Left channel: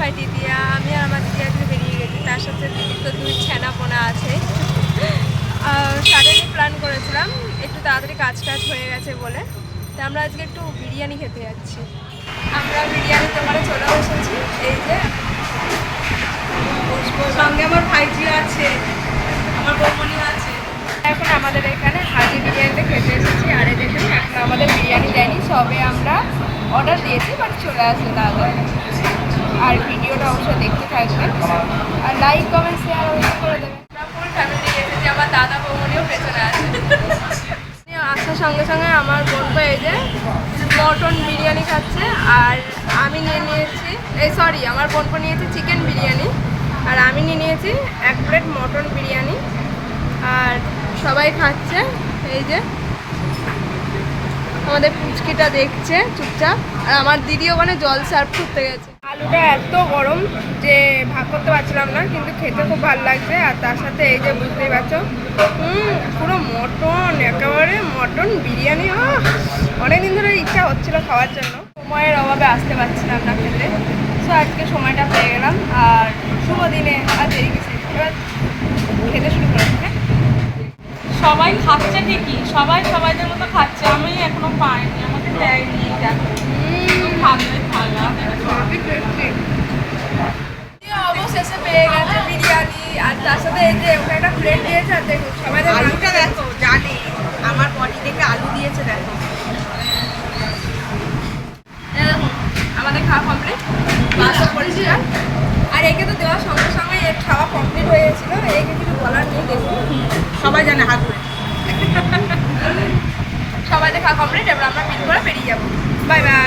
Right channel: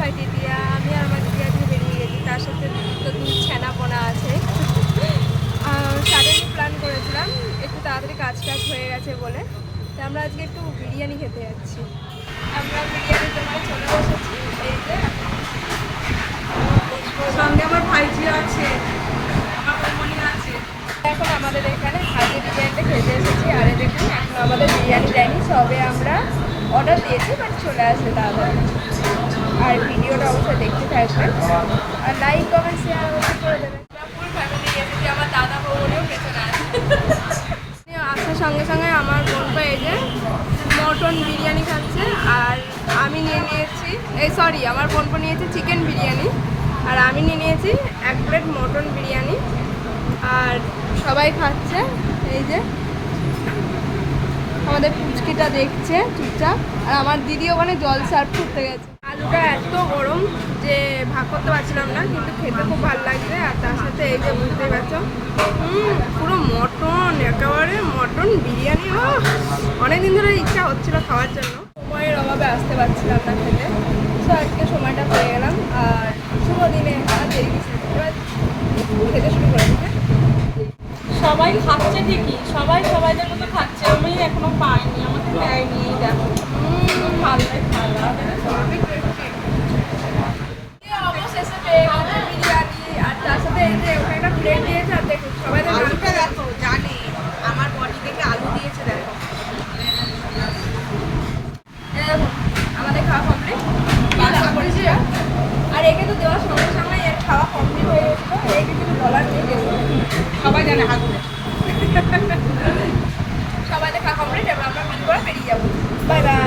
ভাই দিদিয়া, আমি আর আমার দিদি আজকে বেরিয়ে গেছি, তার সাথে দিদির তো 2 ছানাপোনা আছে। সাডেনলি প্ল্যান করেছিলাম, একটু তাড়াতাড়ি কাজ হয়ে গেছে বলে। তো আমরা আজকে একটু বিরিয়ানি খেতে যাচ্ছি। আমরা বিরিয়ানির দোকানে চলে বসেছি, এই যে সঙ্গে আমার ভাইজিও আছে, আমার বৌমনিও আছে। এখন আমাদের এখানে হাজি বিরিয়ানিটা খেতে এসেছি। আর এই দেখুন, এখন আমাদের বিরিয়ানি দেয়নি, সবে আমরা অর্ডার দিয়েছি, বাট চলে আসবে তাড়াতাড়ি। আর ভিডিওটা অবশ্যই দেখতে থাকবেন, আর লাইক কমেন্ট শেয়ার অবশ্যই করে দেবেন। আমরা ফুল ফ্যামিলি এসেছি, আমার দাদা বৌমনিও পেছনে আছে। আসার সঙ্গে সঙ্গে আমার বোন তো এই যে মটন বিরিয়ানি খাচ্ছে, আর আমি নিয়ে নিয়েছি, আমার বোন নিয়েছে চিকেন বিরিয়ানি, আর আমি নিয়ে নিয়েছি 1 প্লেট মটন বিরিয়ানি। আর সবাই খাচ্ছে, এই যে আমাদের পুচকিটা দেখছে চুপচাপ, আর আমার দিদি ওখানে জল সার্ভ করতে গেছে। আলুটা এত গরম যে ভাগ করতে পারছিলাম না, কিন্তু খেতে খুব ভালো লাগছে। আর তার সাথে এই যে বুঝতেই পারছো, পুরো মটন, একেবারে মটন বিরিয়ানি। অনেকদিন ধরে ইচ্ছা হচ্ছিল খাওয়ার জন্য, সময়ের অভাবে আসতে পারছিলাম না খেতে। সো আজকে সময়টা পেয়ে গেলাম, আর শুভ দিনে আর দেরি কিছু এবার খেতে শুরু করেছি। হ্যাঁ, সবাই খাচ্ছে ঠিকই, সবাই সবাইদের মতো খাচ্ছে, আমি এখনো পাইনি, আমাকে দেয়নি। দেখো ভালো খাওয়া অবশেষে পেয়ে গেছে বিরিয়ানি, আর তার সাথে এই যে ওখানে একটা প্লেট দিয়েছে। আর দেখুন সবাই আলুটা দেখো, জানে আমার বডি দেখে আলু দিয়েছে। দেখো দেখুন আমাদের খাওয়া কমপ্লিট, বাসা পরিষ্কার। আর একে তো দেওয়ার সঙ্গে সঙ্গে এর খাওয়া কমপ্লিট হয়ে গেছিলো, একে কিছু বলার নেই। দেখুন সবাই জানে হাত সবাই খাওয়া কমপ্লিট, এবার আমরা বিল করে বেরিয়ে যাবো। Bye bye.